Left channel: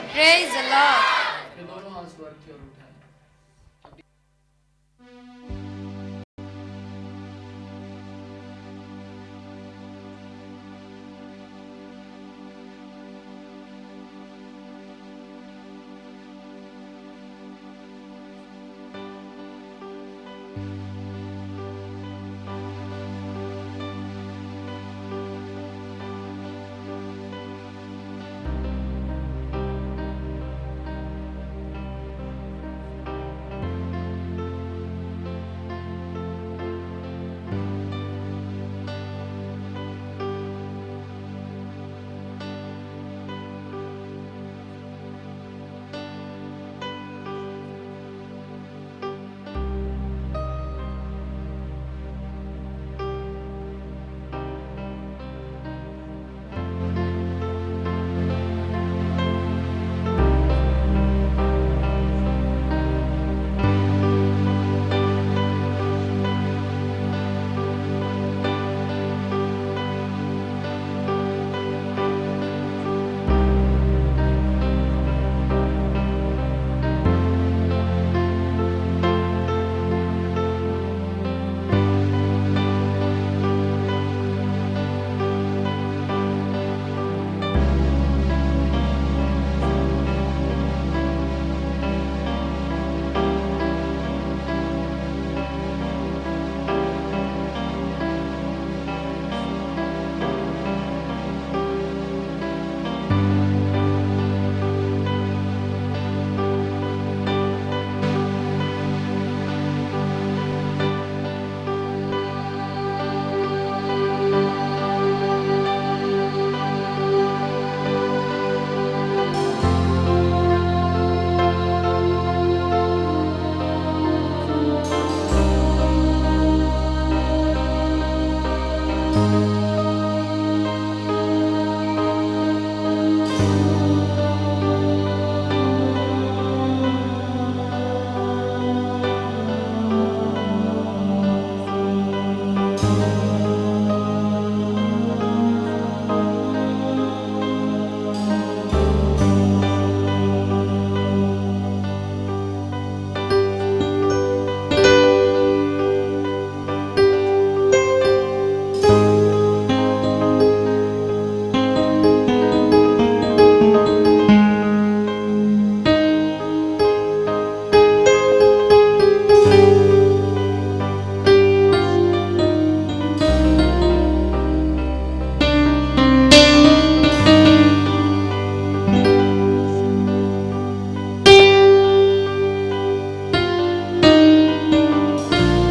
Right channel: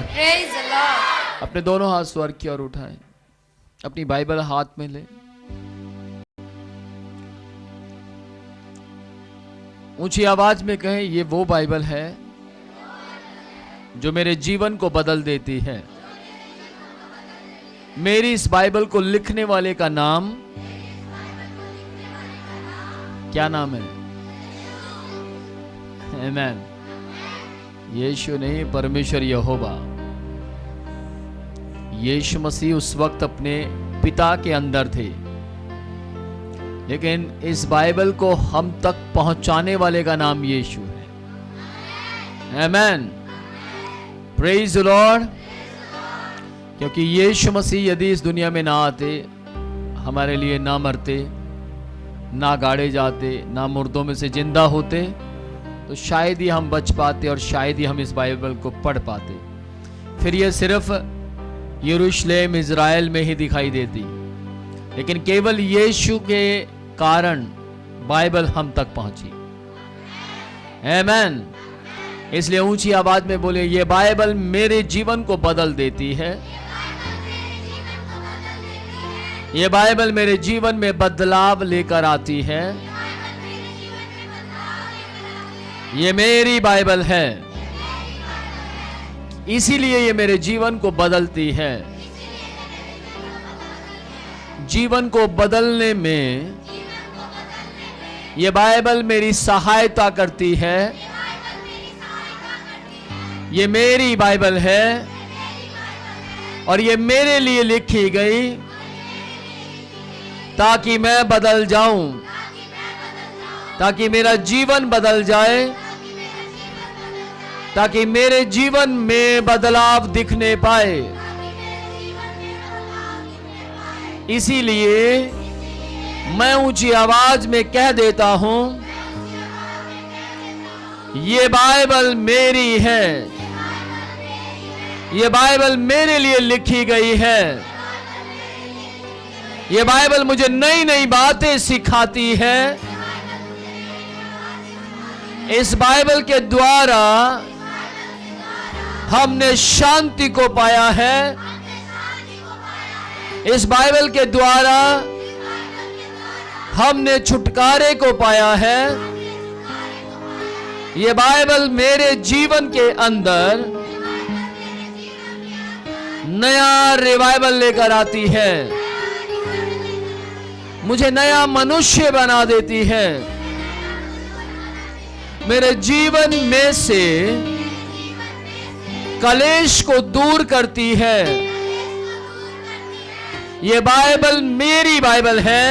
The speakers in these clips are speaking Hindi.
लॉर्ड। Praise the Lord. अपने दोनों हाथ स्वर्ग की ओर उठाएं, अपनी बाइबल हाथ में ले, ऊंची आवाज में कहें, ये वो बाइबल है जो मेरे जीवन को बदल देती है। मेरी इस बाइबल को लिखने वाले का नाम क्या नाम है? आमीन। यीशु नहीं, परमेश्वर यहोवा। यीशु मसीह उस वक्त अपने पिता के अंदर थे, लेकिन इस बाइबल को हम तक पहुंचाने वाले का नाम यीशु है। आमीन। Praise the Lord. क्योंकि यीशु मसीह यदि इस दुनिया में ना आते, हमारे लिए ना मरते, ना गाड़े जाते, ना मुर्दों में से जिंदा होते, तो शायद ही हम बच पाते और शायद ही हम इस बाइबल को पढ़ पाते। फिर ये सिर्फ यरूशलेम इज़राइल में ही दिखाई देती, लेकिन केवल यीशु के कारण बाइबल हम तक पहुंची। आमीन। इसलिए ऊंची आवाज में बोले, ये बाइबल मेरे जीवन को बदल देती है। ये बाइबल मेरे जीवन में बदलाव लेकर आती है। ये मेरी बाइबल है, इसीलिए ये मेरे जीवन को बदलती है। जीवन को बदलने में ये बाइबल मेरी सहायता करती है। ये मेरी बाइबल है और ये मेरे लिए लिखी गई ताकि मैं बदल जाऊं, ताकि मेरा जीवन बदल जाए, ताकि मेरे जीवन में बदलाव दिखने पाए। इसीलिए मैं ऊंची आवाज में कह देता हूं, ये बाइबल मेरी है, ये बाइबल मेरे लिए लिखी गई है। ये बाइबल मुझे नई नई बातें सिखाती है। इस बाइबल के द्वारा हमने शांति को पाया है। इस बाइबल के द्वारा हमने छुटकारे को पाया है। ये बाइबल मेरे जीवन के अंदर नया रिवाइवल लेकर आती है, मुझे नया मनुष्य बना देती है, मेरे जीवन में से कलेश को दूर करती है। ये बाइबल मेरी बाइबल है।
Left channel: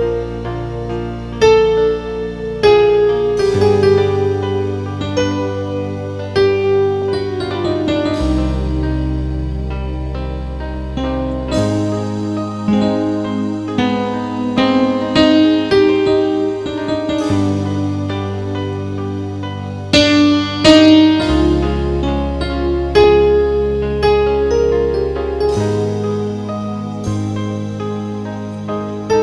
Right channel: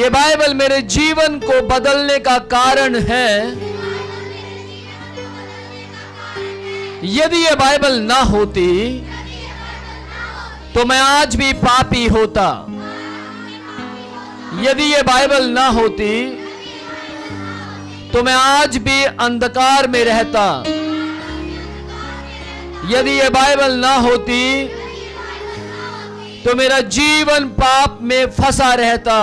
ये बाइबल मेरे जीवन को बदलने का कारण है। यदि ये बाइबल ना होती तो मैं आज भी पापी होता। यदि ये बाइबल ना होती तो मैं आज भी अंधकार में रहता। यदि ये बाइबल ना होती तो मेरा जीवन पाप में फंसा रहता।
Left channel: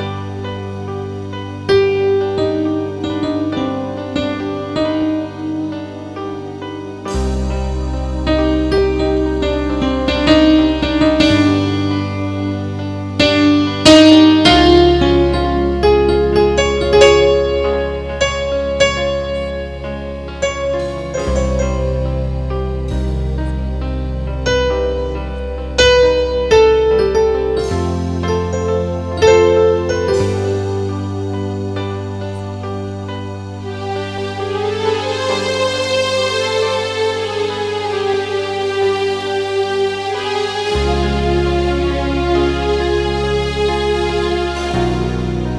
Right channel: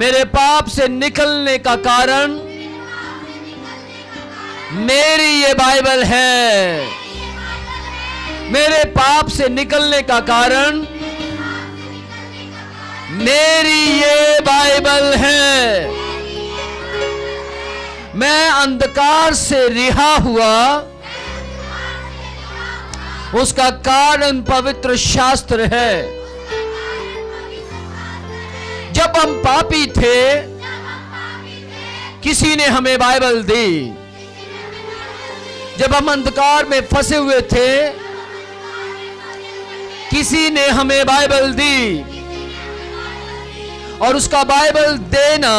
मेरे पाप से निकलने का कारण मेरी ये बाइबल है। मेरे पाप से निकलने का कारण मेरी ये बाइबल है। मैं अंधकार से रिहा हुआ, उसका कारण पवित्र शास्त्र है। जब हम पापी थे, किसी ने हमें बाइबल दी। जब हम अंधकार में फंसे हुए थे, किसी ने हमें बाइबल दी और उसका बाइबल देना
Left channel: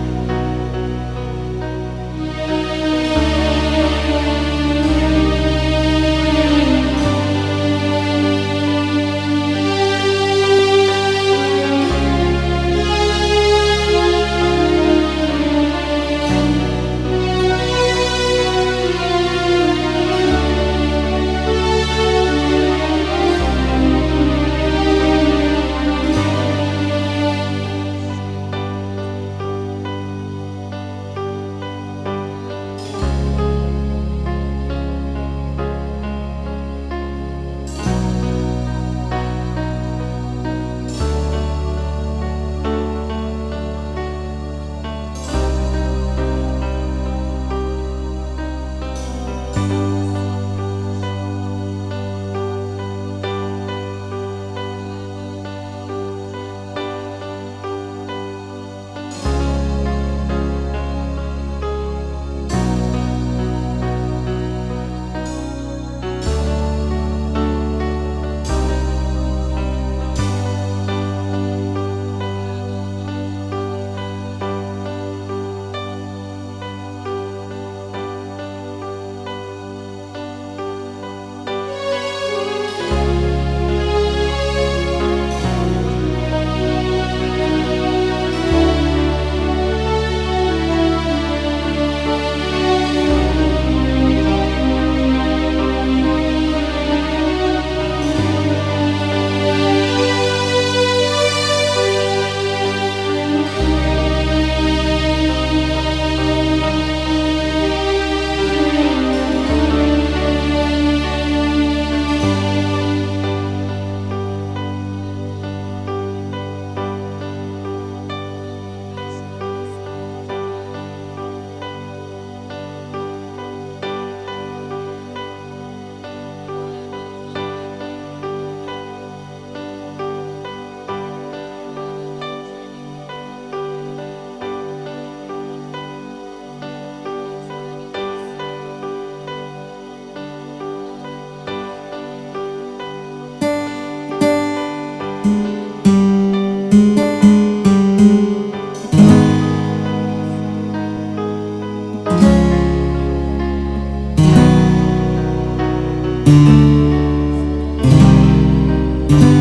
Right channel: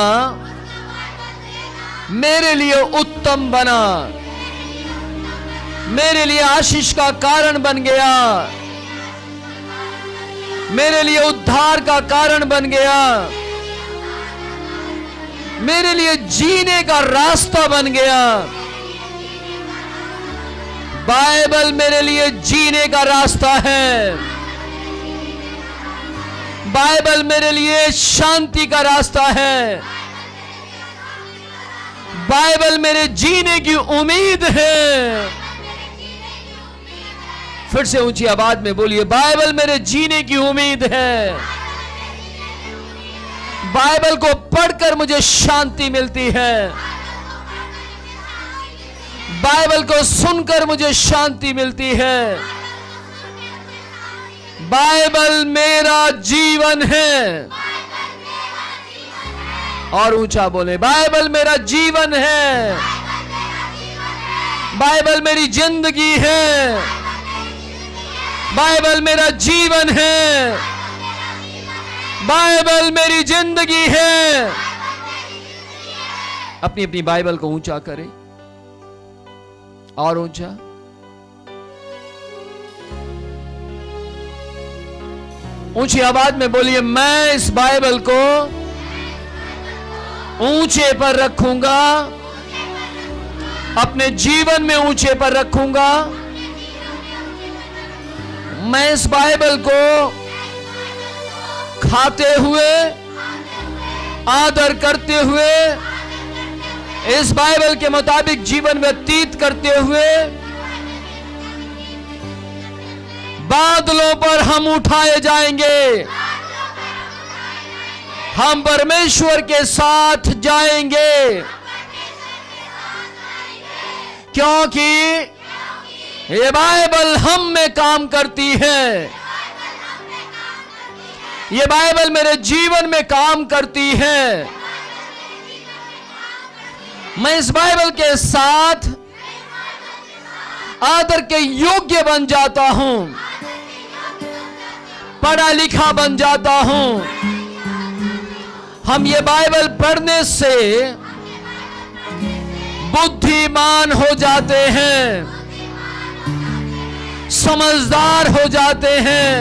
मेरे लिए उत्तम बना, मेरे लिए आशीष का कारण बन गया, मेरे लिए उद्धार का कारण बन गया, मेरे लिए जीने का रास्ता बन गया। बाइबल मेरे लिए जीने का रास्ता है। बाइबल मेरे लिए शांति का रास्ता है। बाइबल मेरे जीने की उम्मीद है। फिर से ऊंची आवाज में बोलिए, बाइबल मेरे जीने की उम्मीद है। बाइबल को पढ़कर मुझे शांति मिलती है। बाइबल को सुनकर मुझे शांति मिलती है। बाइबल मेरा जीवन है। और ऊंचा बोले, बाइबल मेरा जीवन है। बाइबल मेरी जिंदगी है। बाइबल मेरा जीवन है। बाइबल मेरी जिंदगी है। अपनी अपनी बाइबल को ऊंचा करें और ऊंचा। ऊंची आवाज में बोलिए, मैं इस बाइबल को ऊंचे पर रखूंगा, अपने जीवन में ऊंचे पर रखूंगा। मैं इस बाइबल को खाते हुए, आदर करते हुए, इस बाइबल के मुताबिक जीवन व्यतीत करते हुए बादलों पर हम उठाए जाएंगे। हम परमेश्वर के साथ जाएंगे, क्योंकि ये बाइबल हम में काम करती है। ये बाइबल मेरे जीवन में काम करती है। मैं इस बाइबल के साथ आदर के योग्य बन जाता हूं, पढ़ा लिखा बन जाता हूं। हम ये बाइबल पढ़ने से बुद्धिमान हो जाते हैं, समझदार हो जाते हैं।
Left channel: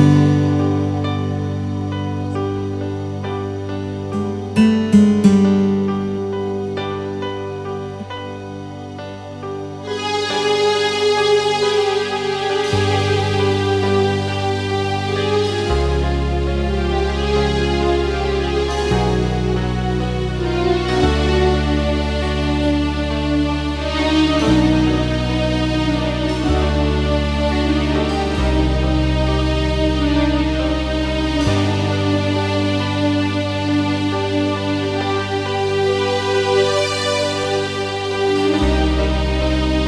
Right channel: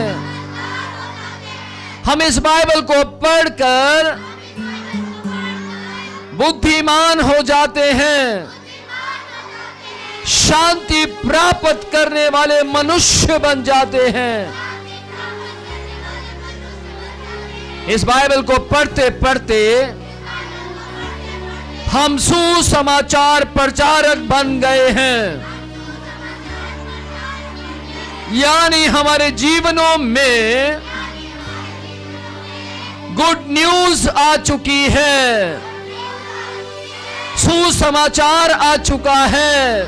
हम इस बाइबल को पढ़कर बुद्धिमान हो जाते हैं, शांति प्राप्त करने वाले मनुष्य बन जाते हैं। इस बाइबल को पढ़ते पढ़ते हम सुसमाचार प्रचारक बन गए हैं, यानी हमारे जीवनों में गुड न्यूज आ चुकी है, सुसमाचार आ चुका है।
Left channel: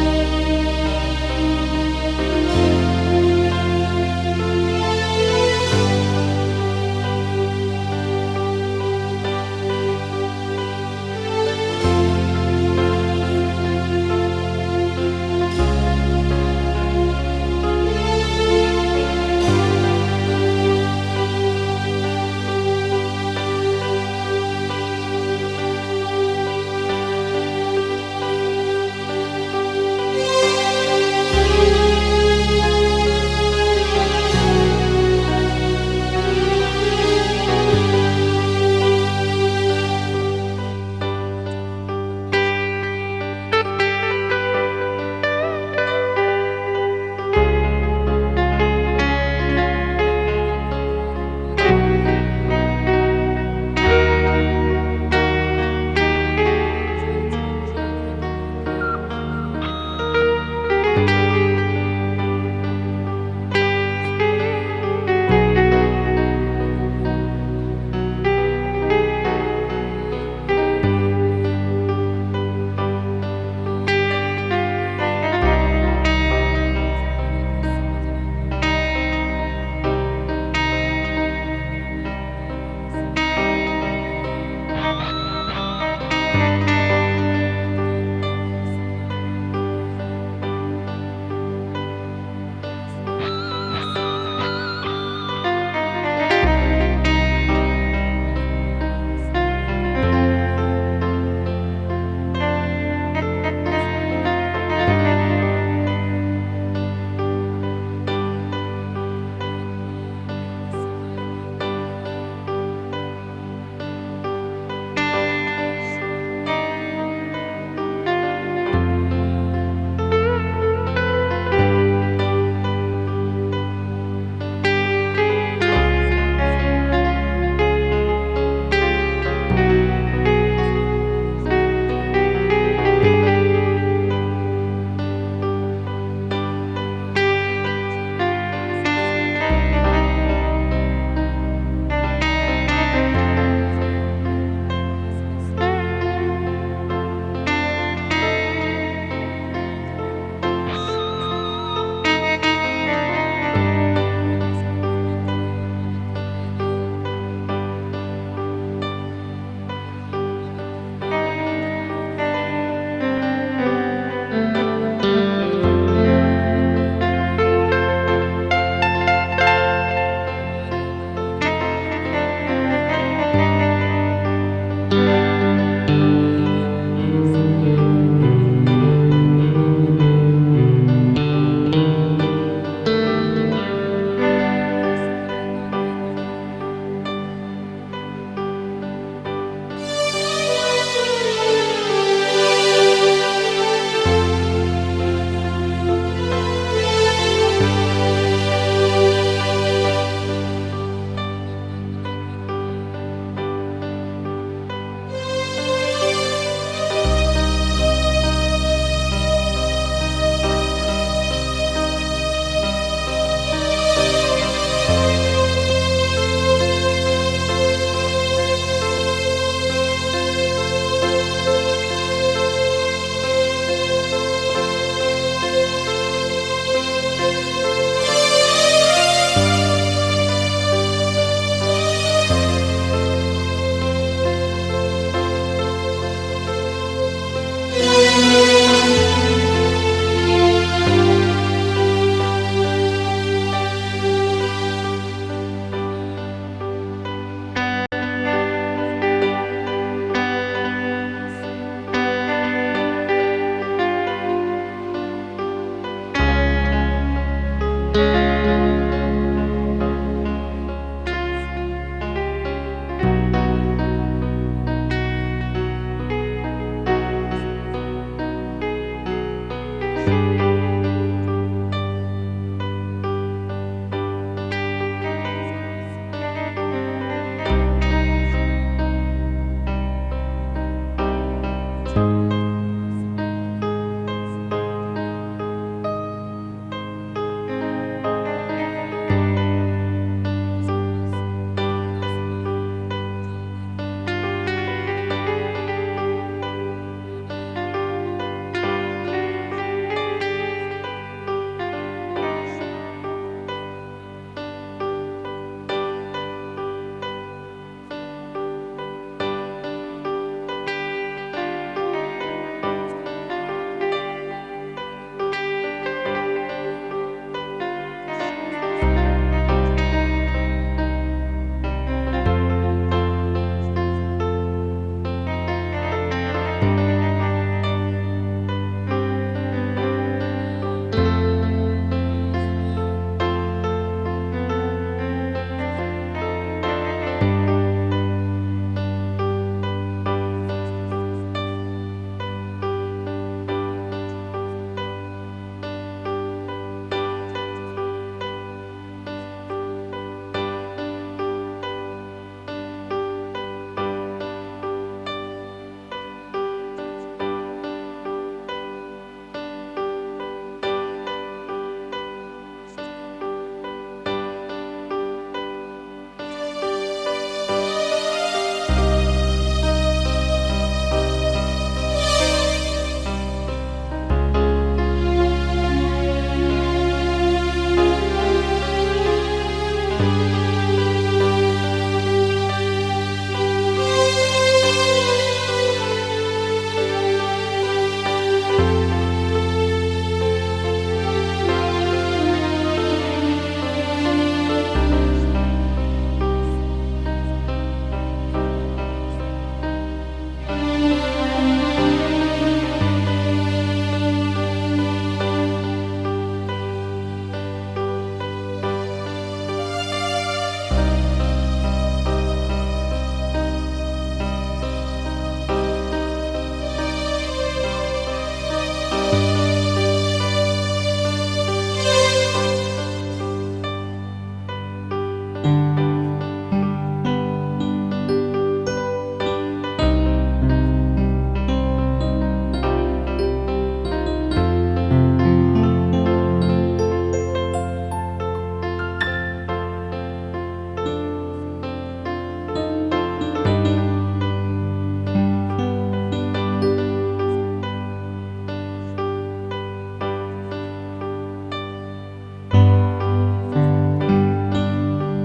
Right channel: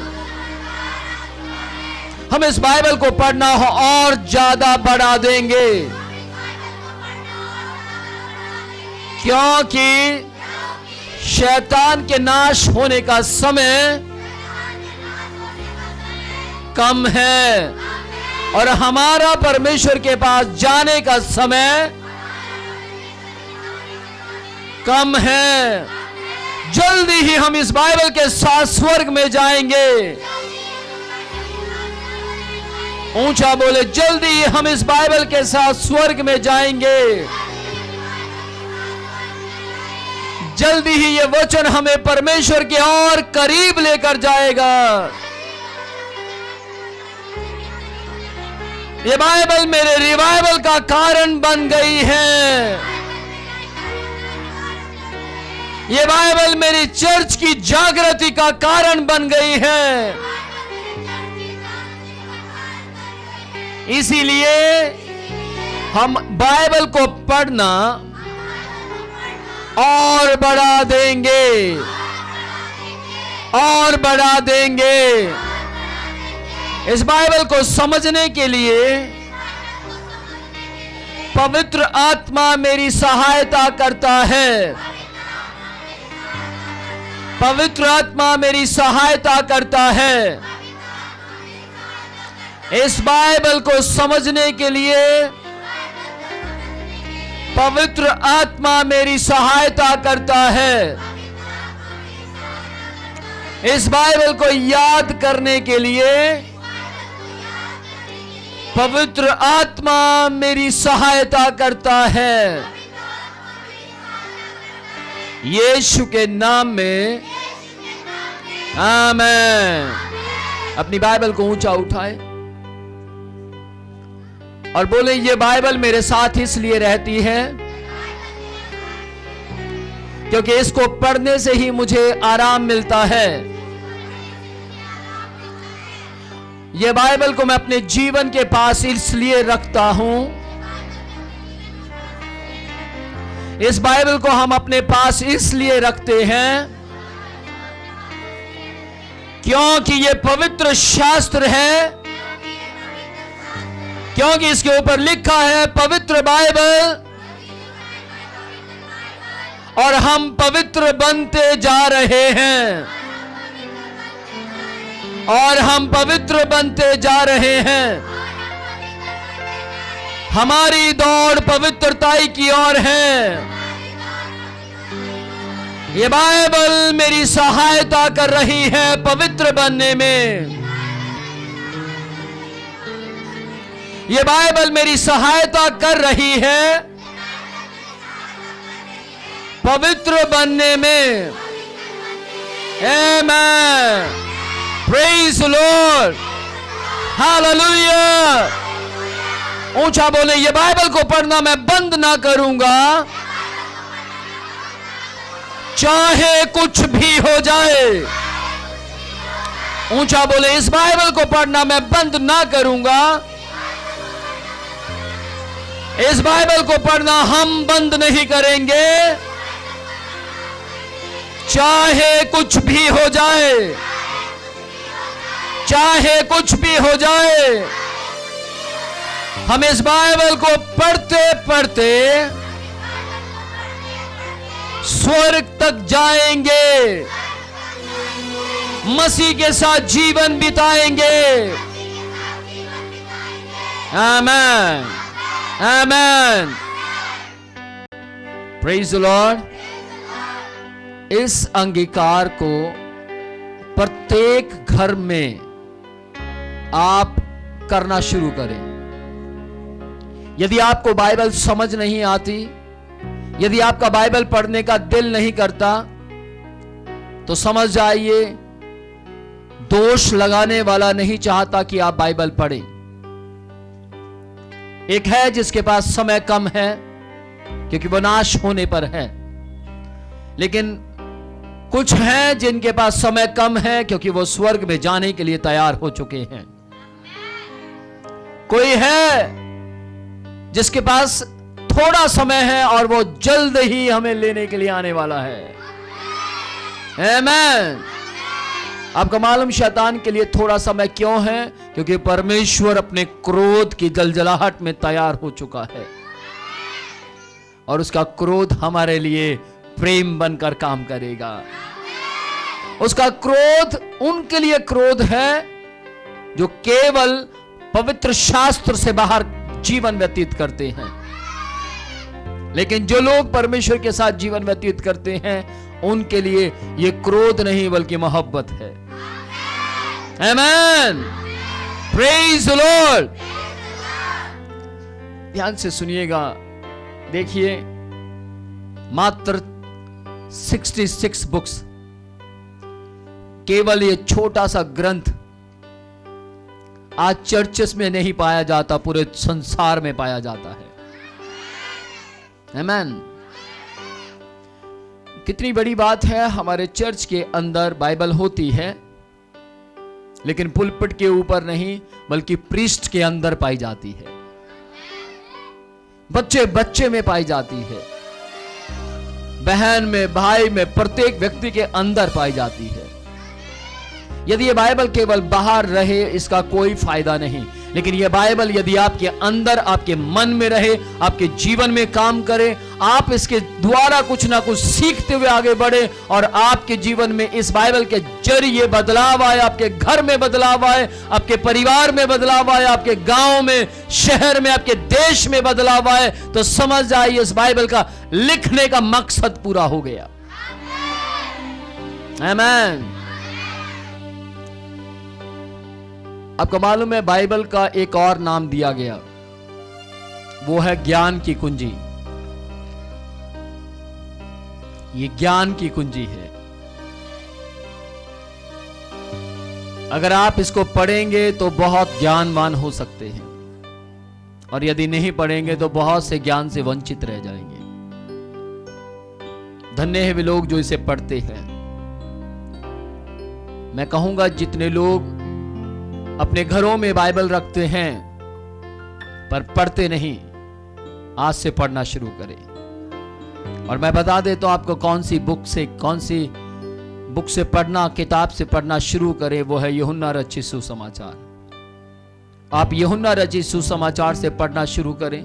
हम इस बाइबल को पढ़ना हो और ज्यादा बढ़ा देंगे, क्योंकि शैतान के नाश होने का समय कम है और हमारा परमेश्वर के पास जाने का समय कम है। जल्दी ही हम इस बाइबल के साथ स्वर्ग में जाएंगे। ऊंचा बोले, जल्दी ही हम इस बाइबल के साथ स्वर्ग में जाएंगे। जल्दी ही ये वचन हमें परमेश्वर के और करीब लेकर जाएगा। ये बाइबल मेरे रिवाइवल का कारण बन गई है। ये बाइबल मेरी चर्च की जागृति का कारण बन गई है। इसीलिए हम बाइबल को पढ़ना और बढ़ा देंगे, और बढ़ा देंगे। इस बाइबल को समझने के लिए पवित्र आत्मा मेरी सहायता करता है। पवित्र आत्मा मेरी सहायता करता है। इस बाइबल को समझने के लिए पवित्र आत्मा मेरी सहायता करता है। इस बाइबल को याद करने के लिए पवित्र आत्मा मेरी सहायता करता है। यीशु के नाम में आमीन। अपनी बाइबल को ऊंचा उठाए और बोले, ये बाइबल मेरे साथ इसलिए रहती है क्योंकि इसको पढ़ने से ही मुझे आराम मिलता है। ये बाइबल को मैं अपने जीवन के पास इसलिए रखता हूं, इस बाइबल को हम अपने पास इसलिए रखते हैं क्योंकि ये पवित्र शास्त्र है, क्योंकि इसके ऊपर लिखा है पवित्र बाइबल, और हम पवित्र बनते जा रहे हैं, और हम पवित्र बनते जा रहे हैं। हमारी दौड़ पवित्रता की ओर है। ये बाइबल मेरी सहायता कर रही है पवित्र बनने में। ये बाइबल मेरी सहायता कर रही है पवित्र बनने में। आमेन, प्रेज द लॉर्ड, हालेलुया। ऊंचा बोले, ये बाइबल को पढ़ना मैं बंद ना करूंगा, चाहे कुछ भी हो जाए। ऊंचा बोले, इस बाइबल को पढ़ना मैं बंद ना करूंगा, इस बाइबल को पढ़ना हम बंद नहीं करेंगे, चाहे कुछ भी हो जाए, चाहे कुछ भी हो जाए। हम इस बाइबल को पढ़ते पढ़ते स्वर्ग तक जाएंगे, मसीह के साथ जीवन बिताएंगे। आमेन, आमेन, प्रेज द लॉर्ड। इस अंगीकार को प्रत्येक घर में आप करना शुरू करें। यदि आपको बाइबल समझ नहीं आती, यदि आपका बाइबल पढ़ने का दिल नहीं करता, तो समझ जाइए दोष लगाने वाला नहीं चाहता कि आप बाइबल पढ़ें। एक है जिसके पास समय कम है क्योंकि वो नाश होने पर है, लेकिन कुछ हैं जिनके पास समय कम है क्योंकि वो स्वर्ग में जाने के लिए तैयार हो चुके हैं। कोई है जिसके पास थोड़ा समय है और वो जल्द ही हमें लेने के लिए आने वाला है। आमेन। आपका मालूम शैतान के लिए थोड़ा समय क्यों है? क्योंकि परमेश्वर अपने क्रोध की जलजलाहट में तैयार हो चुका है और उसका क्रोध हमारे लिए प्रेम बनकर काम करेगा। उसका क्रोध उनके लिए क्रोध है जो केवल पवित्र शास्त्र से बाहर जीवन व्यतीत करते हैं, लेकिन जो लोग परमेश्वर के साथ जीवन व्यतीत करते हैं उनके लिए ये क्रोध नहीं बल्कि मोहब्बत है। आमेन, प्रेज द लॉर्ड। ध्यान से सुनिएगा, देखिए मात्र 66 बुक्स, केवल ये छोटा सा ग्रंथ आज चर्चेस में नहीं पाया जाता, पूरे संसार में पाया जाता है। आमेन। कितनी बड़ी बात है, हमारे चर्च के अंदर बाइबल होती है लेकिन पुलपिट के ऊपर नहीं बल्कि प्रीस्ट के अंदर पाई जाती है, बच्चे बच्चे में पाई जाती है, बहन में, भाई में, प्रत्येक व्यक्ति के अंदर पाई जाती है। यदि ये बाइबल केवल बाहर रहे इसका कोई फायदा नहीं, लेकिन ये बाइबल यदि आपके अंदर, आपके मन में रहे, आपके जीवन में काम करे, आप इसके द्वारा कुछ ना कुछ सीखते हुए आगे बढ़े और आपके जीवन में इस बाइबल के जरिए बदलाव आए, आपके घर में बदलाव आए, आपके परिवार में बदलाव आए, आपके गांव में, शहर में, आपके देश में बदलाव आए, तो समझ जाइए इस बाइबल का लिखने का मकसद पूरा हो गया। आमीन। आपको मालूम है बाइबल का एक और नाम दिया गया, वो है ज्ञान की कुंजी। ये ज्ञान की कुंजी है। अगर आप इसको पढ़ेंगे तो बहुत ज्ञानवान हो सकते हैं, और यदि नहीं पढ़ेंगे तो बहुत से ज्ञान से वंचित रह जाएंगे। धन्य है वे लोग जो इसे पढ़ते हैं। मैं कहूंगा जितने लोग अपने घरों में बाइबल रखते हैं पर पढ़ते नहीं, आज से पढ़ना शुरू करें। और मैं बता दे तो आपको कौन सी बुक से पढ़ना, किताब से पढ़ना शुरू करें, वो है यूहन्ना रचित सुसमाचार। आप यूहन्ना रचित सुसमाचार से पढ़ना शुरू करें।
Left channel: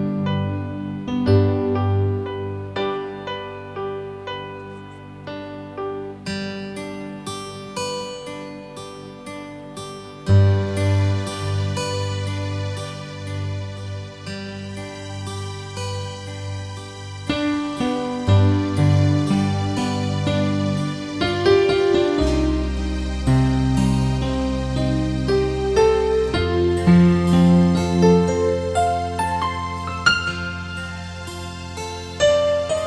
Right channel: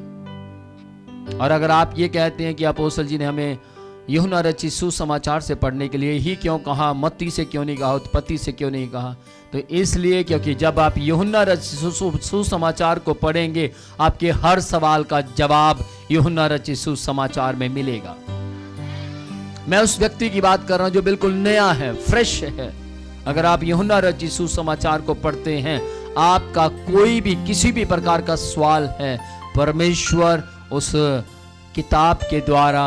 और अगर आप ये कहते हैं कि अपोस्तल जी ने हमें यूहन्ना रचित सुसमाचार से पढ़ने के लिए ही क्यों कहा, मत्ती से क्यों नहीं कहा, उत्पत्ति से क्यों नहीं कहा, तो इसलिए क्योंकि जब आप यूहन्ना रचित सुसमाचार को पढ़ेंगे, आपके हर सवाल का जवाब यूहन्ना रचित सुसमाचार में मिलेगा। मैं उस व्यक्ति की बात कर रहा हूं जो बिल्कुल नया है, फ्रेश है। अगर आप यूहन्ना रचित सुसमाचार को पढ़ते हैं, आपका कोई भी किसी भी प्रकार का सवाल है, परमेश्वर उस किताब के द्वारा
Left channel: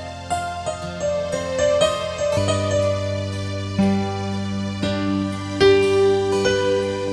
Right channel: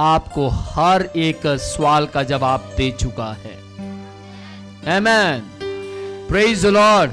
आपको हर एक सवाल का जवाब दे चुका है। आमेन, प्रेज द लॉर्ड।